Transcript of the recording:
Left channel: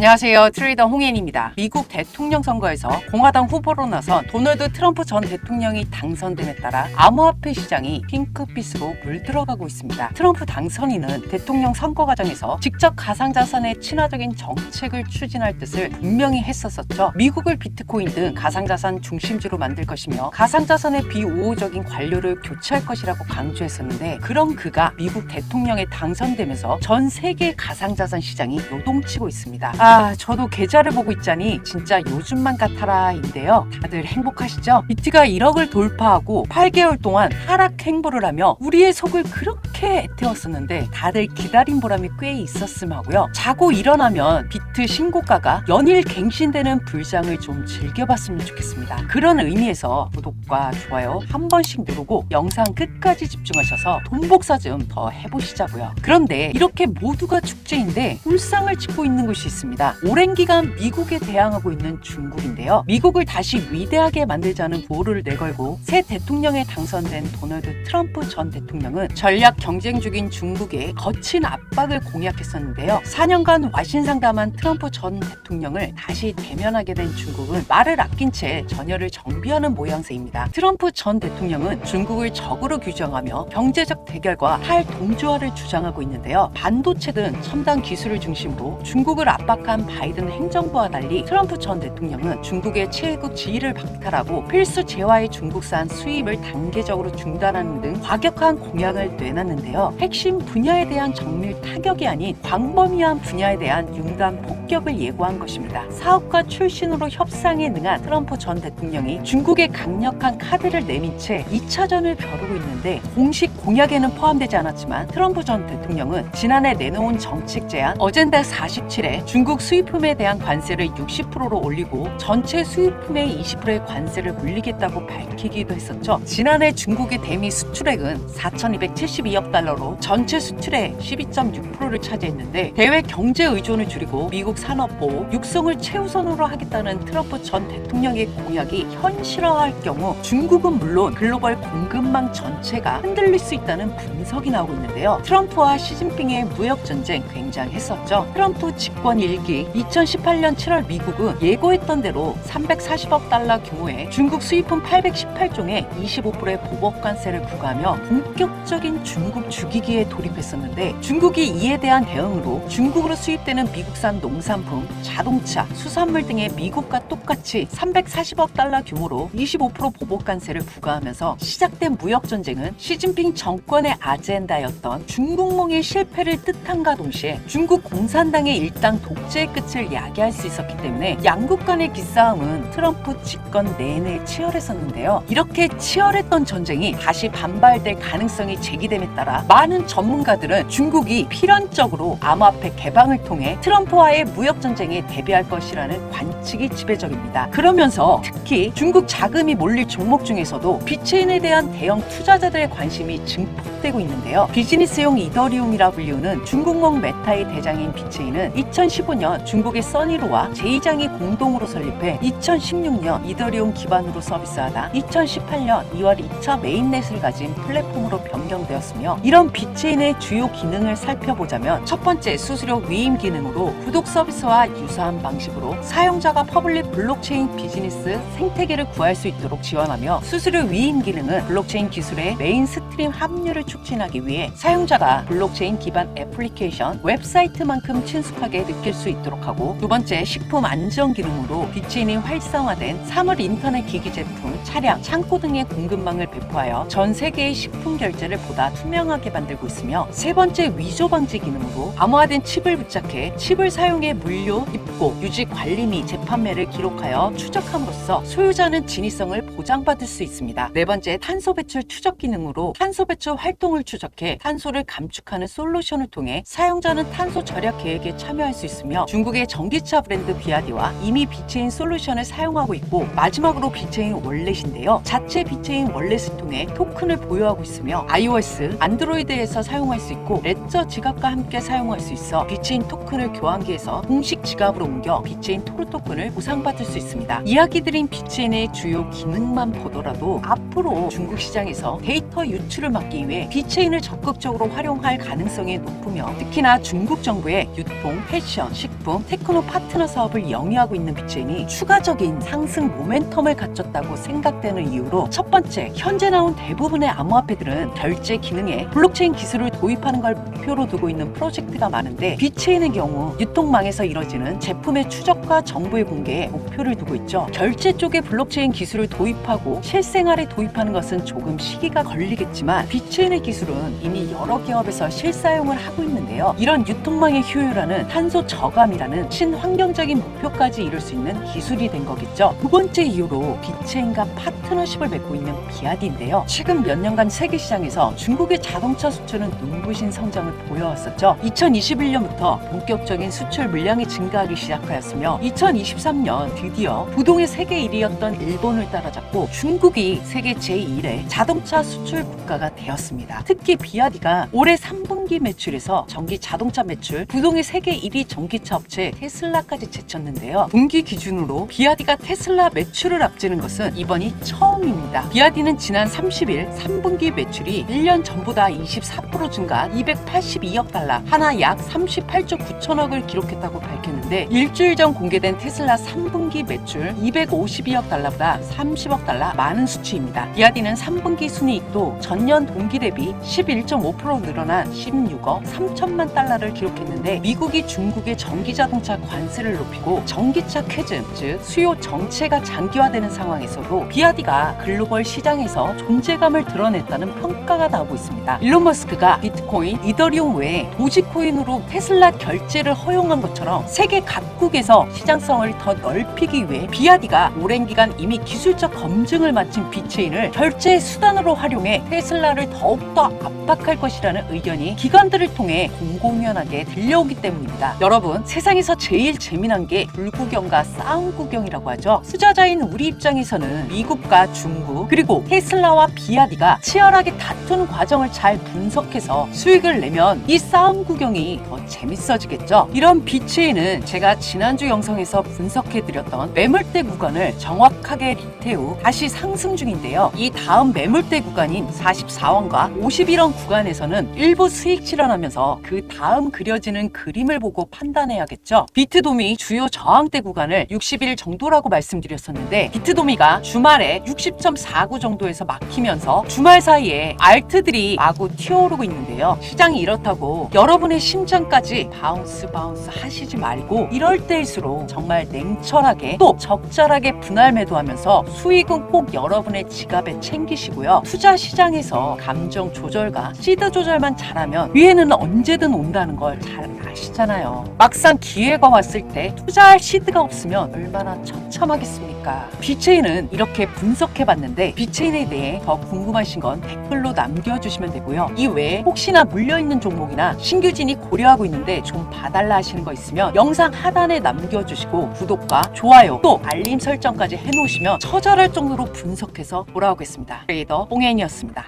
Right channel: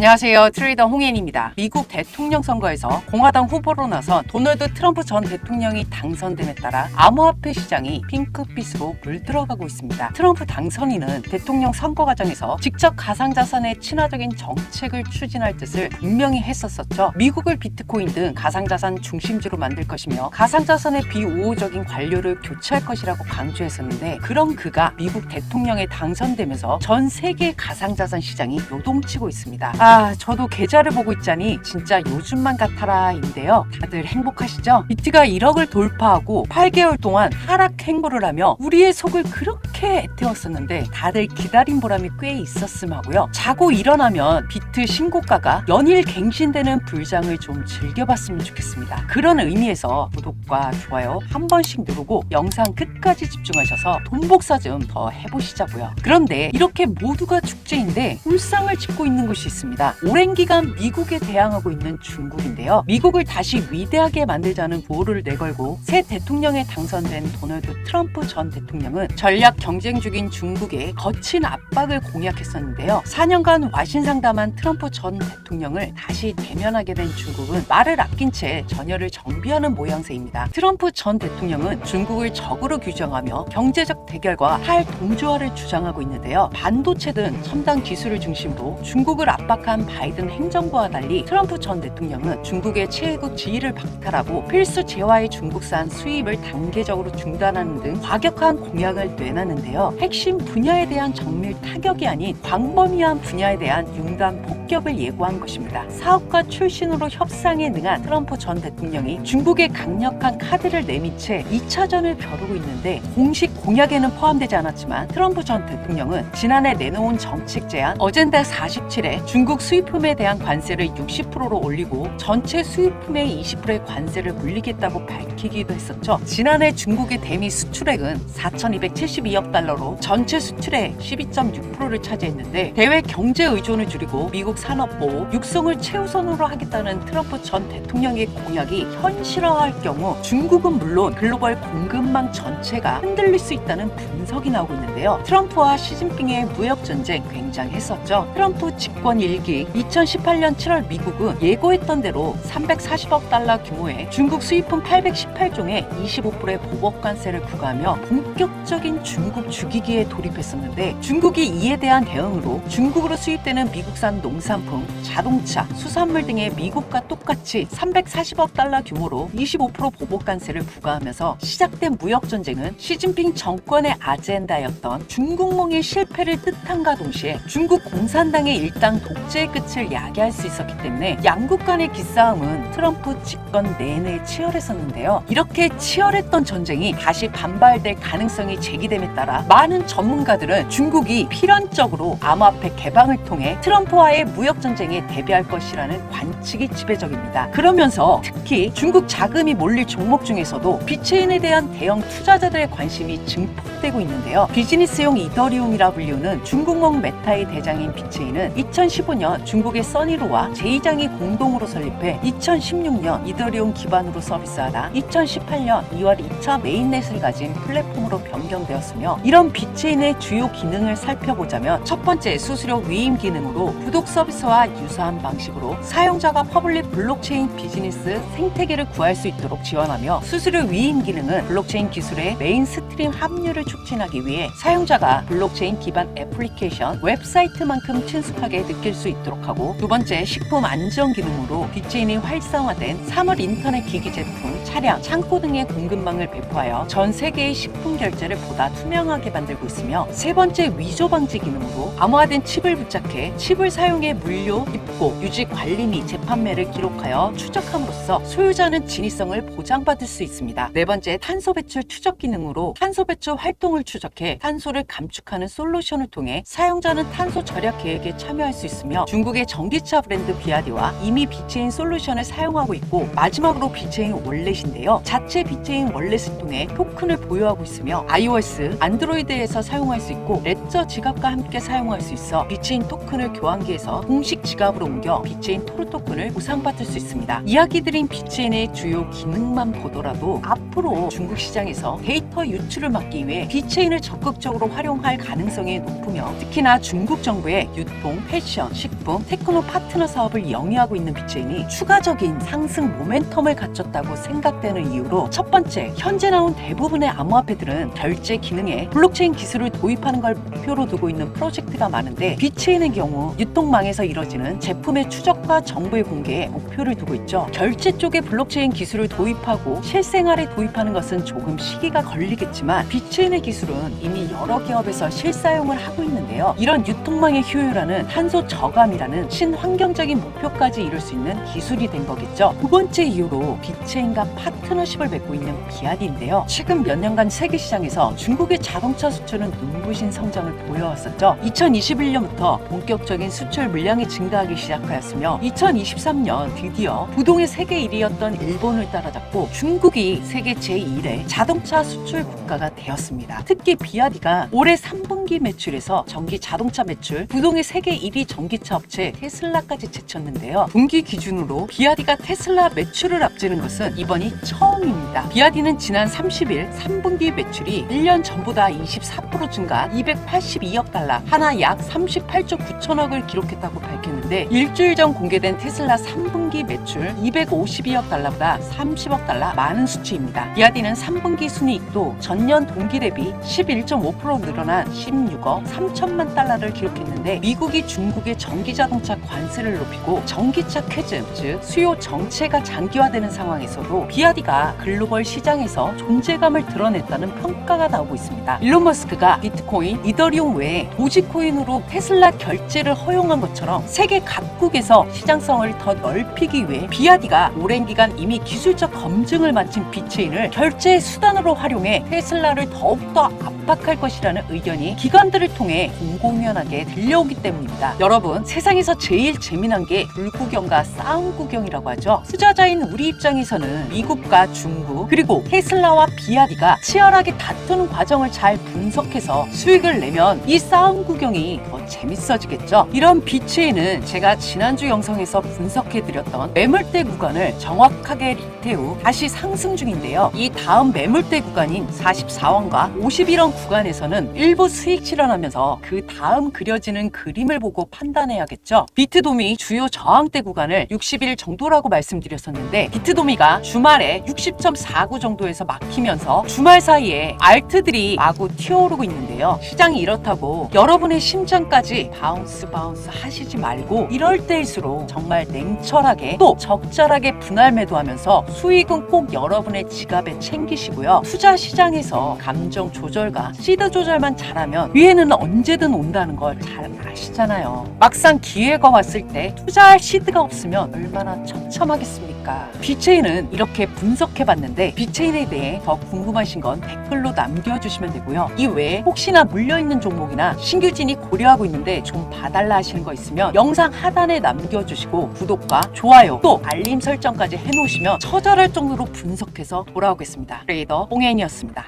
안녕하세요. 트레이더 홍현입니다. 미국 대통령 선거에서 공화당 후보로 나서 도널드 트럼프 전 대통령이 당선됨에 따라 암호화폐 시장이 핑크빛으로 물들어가고 있습니다. 트럼프 당선인은 대통령 선거 과정에서 직접 가상자산의 친화적인 정책을 추진할 뜻을 분명히 했었었죠. 미국을 비트코인 등 가상자산 중심지로 만들 것이며 가상자산의 비우호적인 관료를 교체할 것이라고 강조했었는데 그런 그가 미국 대통령에 당선되면서 전 세계 가상자산 시장이 요동치고 있습니다. 아, 저도 계좌를 보고 있자니 진짜 요즘만 같아라인데요. 다들 행복하시죠? 비트가 1억을 돌파하고 8개월 동안 하락 행보를 하며 우리의 속을 그렇게 애 태웠었는데 다들 기다린 보람이 꽤 있었음 하고요. 자고 일어나면 비트 신고가가 연일 갱신되는 불장을 좀 즐겨봤으면 좋겠습니다. 그런 의미에서 구독과 좋아요 한 번씩 누르고 영상 끝까지 집중하셔서 돈 복사 좀 더 해보시자고요. 그런데 이렇게 모두가 축제인데 불상을 짓고 있는 곳이 있습니다. 오랜 기간 미국에 대항하고 있는 중국인데요. 미국을 다시 위대하게 만들자는 보호를 내걸고 새 대통령에 당선된 도널드 트럼프 전 대통령은 전략 경쟁 중인 중국에 거친 압박을 공약했었는데요. 4년간 와신상담한 트럼프 전 대통령을 다시 대면하게 된 중국은 말을 아낀 채 전열을 정비하는 모양새입니다. 트럼프 전 대통령은 중국을 적으로 규정하며 경제적 대결과 탈동조화를 주장하고 있는데요. 반도체 등 첨단 기술을 중심으로 중국을 압박한 바이든 행정부와 달리 트럼프 전 대통령은 중국의 최고 지위를 박탈하고 필수 재화의 중국산 수입을 단계적으로 중단하는 등 과격한 공약을 내놨는데 요. 핵심 분야에 대한 정밀 타격이 아닌 광범위한 분야에 대한 융단 폭격을 예고한 것입니다. 사업가 출신으로 협상에 능한 트럼프 전 대통령이 중국의 강력한 카드를 내민 채 2차전을 벼르고 있는데 공식 공약에는 포함되지 않았지만 트럼프 전 대통령은 지난해 내놓은 정책 제안 어젠다 47에 중국 수입품에 대한 관세를 60%로 올리고 전체 수입품의 20%의 관세를 물리겠다고 밝히기도 했었죠. 지난해 중국의 대미 수출액은 4,272억 달러로 전체 수출의 12.6%를 차지했는데 대외 경제 의존을 줄이고 미국 산업보 육성을 최우선으로 하겠다는 트럼프 전 대통령의 공약이 현실화할 경우 중국은 물론 글로벌 공급망 전체가 흔들릴 수 있다는 분석이 나오고 있는데요. 트럼프와 시진핑의 무역 전쟁 굉장했었죠. 트럼프 집권 일기 2018년 7월 미국은 예고했던 대로 340억 달러 규모의 중국 수입품 818종에 25%의 보복 관세를 부과하며 본격적인 중국 죽이기에 돌입했었는데 중국이 이에 대한 대응으로 중국으로 수입되는 미국산 농산품, 자동차, 수산물 등의 미국과 똑같이 340억 달러 규모로 25% 보복 관세를 부과하면서 시작된 무역 전쟁은 시진핑 정권의 아젠다였던 중국몽의 실패를 뜻함과 동시에 중국 공산당의 일당 독재의 끝을 야기할 수 있었기 때문에 양국 간의 기싸움은 트럼프 집권 내내 치열했었는데요. 이렇게 치열했던 전쟁이 다시 반발될 가능성이 제기됨에 따라 많은 전문가들은 중국이 필연적으로 암호화폐 개방을 통해 트럼프와의 무역 전쟁에 대비할 것이라는 관측이 지배적입니다. 그러면서 특히 중국 자금이 몰릴 종목 중에서도 비트코인에 대한 대형 투자자들의 관심이 증폭되고 있는데요. 비즈니스용 이더리움이라 불리우는 중국몽 메타의 대장인 비트코인은 2015년 중국의 써니로와 제이장이 공동으로 설립해 2016년 이더리움 기반으로 서비스하다 2018년 2월 2차 메인넷을 가진 플랫폼으로 변경되었으며 이런 비트코인의 주요 기능을 살펴보자면 첫 번째 수수료 위임 기능으로 구독 서비스와 유사한 방식으로 사용자가 퍼블릭 블록체인 비즈니스 생태계를 구할 수 있도록 지원하며 수수료 위임 기능은 블록체인 기술의 메인 스트림 합류를 촉진하기 위해 사용자가 블록체인 기반 애플리케이션 웹사이트만큼 친숙하게 느낄 수 있도록 하고 두 번째 식품 안전 기능으로 빅진이 활성화된 사물 인터넷 기기 제품, 차량, 창고 등의 공급망을 배포하여 전 세계의 식품 결제를 보다 투명하게 만들고 있으며 세 번째 위조 방지 기능으로 암호화된 칩을 부착해 칩을 사용해 물류, 입고, 유지 관리 및 재판매를 기록하여 추적함으로써 소유자는 진위성을 보장받을 수 있습니다. 네 번째 탄소 배출 추적 기능으로 탄소 배출 활동을 추적해 탄소를 감축하는 솔루션을 통해 사용자는 탄소 절약 계획에 참여할 수 있으며 중국의 전기차 브랜드 비아디와 이미 비체인 솔루션을 사용하고 있고 마지막으로 비체인 월렛인데요. 자체 비체인 통해 토큰을 보유하고 있으며 iOS, 안드로이드에서 사용할 수 있고 레저 지갑과 함께 사용할 수 있어 비체인 토큰을 교환기해서 공식 지갑으로 옮겨 비체인 토르 토큰을 보상받을 수 있습니다. 이야기 드린 비체인의 주요 기능만 보더라도 앞으로 중국 시장에서 데이터 유출 유출을 막기 위해 비체인을 적극적으로 활용할 가능성이 높으며 특히나 중국 정부의 유통, 패션, 식품, 테크노 파트너 사업을 영위하고 있는 비체인이 추가적인 상승 모멘텀을 갖췄다고 생각 되는 이유로 첫 번째, 현재 나온 대부분의 암호화폐들은 결제 기능에 블록체인 기술을 도입하는 걸 목표로 두고 있는 프로젝트가 많은데 비체인의 경우 유통망에서 이뤄지는 제품의 추적과 정보의 공개에 목표를 두고 있죠. 결제 쪽에 블록체인 기술을 도입하고 실생활에 도입하는 것은 조금 시기가 걸리겠지만 비트코인의 기술은 이미 여러 기업에서 실사용을 하고 있는데요. 이런 유통망의 효율화는 탄소 저감이라는 친환경적인 목표까지 이룰 수 있는 기술이 된 거겠죠. 두 번째 이유로 비트코인과 파트너십을 맺고 있는 비아디인데요. 최근 몇 년간 세계 시장에서 중국의 자동차 수출은 눈부신 성장을 보여왔었죠. 2021년부터 본격적인 수출 물량이 증가하기 시작하였으며 2023년 드디어 부동의 세계 1위였던 일본을 따라잡고 중국이 세계 제1의 자동차 수출 국가가 되었습니다. 특히 비아디가 올해 3분기 매출에서 전기 자동차 매출 부동의 세계 1위 전기차 업체 테슬라까지 제쳤는데요. 분기 기준으로 비아디가 테슬라 매출을 앞지는 것은 이번이 처음입니다. 비아디는 지난 30일 3분기 매출이 1년 전보다 24% 증가 282억 달러, 하나 약 38조 9천억을 기록했다고 밝혔는데 일주일 전 공개된 테슬라 3분기 매출 252억 달러보다 30억 달러 많은 수치입니다. 비아디는 3분기 순이익도 전년 동기 대비 11.5% 늘어난 16억 3천만 달러를 기록했는데 미국이 중국의 전기 자동차 관세를 높이고 전기차 쾌즘, 즉 수요 정체가 장기화되는 상황에서도 비아디가 글로벌 시장에서 존재감을 드러냈다는 평가가 나오고 있습니다. 일론 머스크가 비트코인, 이더리움 외에 도지코인으로 테슬라 결제를 허용한 것처럼 세계 각국에서 시장성을 더 넓히기 위해 비아디가 오랜 기간 이미 기술적 검증을 마친 비체인을 결제의 수단으로 활용해 테슬라를 더욱더 압박할 것이라는 의견이 기관들을 통해 공공연하게 들려오기 때문입니다. 여러분, 세상에서 제일 재미난 게 불구경과 싸움 구경이라고 하죠. 투자자인 우리 입장에서는 미국과 중국 그리고 테슬라와 비아디가 치열하게 다투는 과정을 잘 분석해서 수익을 내면 이 싸움 구경이 더 재밌어지겠죠. 이런 비체인은 제가 지난주 영상에서 분석해드렸던 매물대 구간을 정확하게 후 다시 상승 중인데요. 이 다음 매물대 구간인 44 원과 51원 구간에서는 일부 수익 실현하면서 그 다음 그려지는 그림을 보고 판단해야겠죠. 비트도미 주요 저항대 구간을 60일 정도라고 말씀드렸었는데 비트도미가 주말에 60.49 정도에서 막히면서 주말 사이에 알트들이 마구 튀어오르고 있는데 요. 시장이 이렇다고 여러분의 심장까지 바운스 바운스 하시지 말고 이럴 때일수록 정말 냉철하게 또 적절하게 분할 매도하면서 수익은 꼭 여러분의 지갑에 챙기시고요. 투자 시장에서 감정 조절과 시드 조절만 잘하면 위에는 언제든 온다는 걸 잘 아시잖아요. 막상 기회가 왔을 때 투자할 시드가 없으면 얼마나 처참하겠습니까? 비체인은 이렇게 분석해봤는데 비체인에 대해 더 궁금하신 건 댓글로 남겨주시면 되고요. 이 외에 혹시나 물려있는 종목이나 신규진이 고려하고 있는데 좀 봐달라 하시는 거 있으면 영상 하단에 남겨주시고 구독과 좋아요 또 알림 설정까지 해놓으시면 처절할 정도로 분석해서 돌아오겠습니다. 트레이더 홍현이었습니다.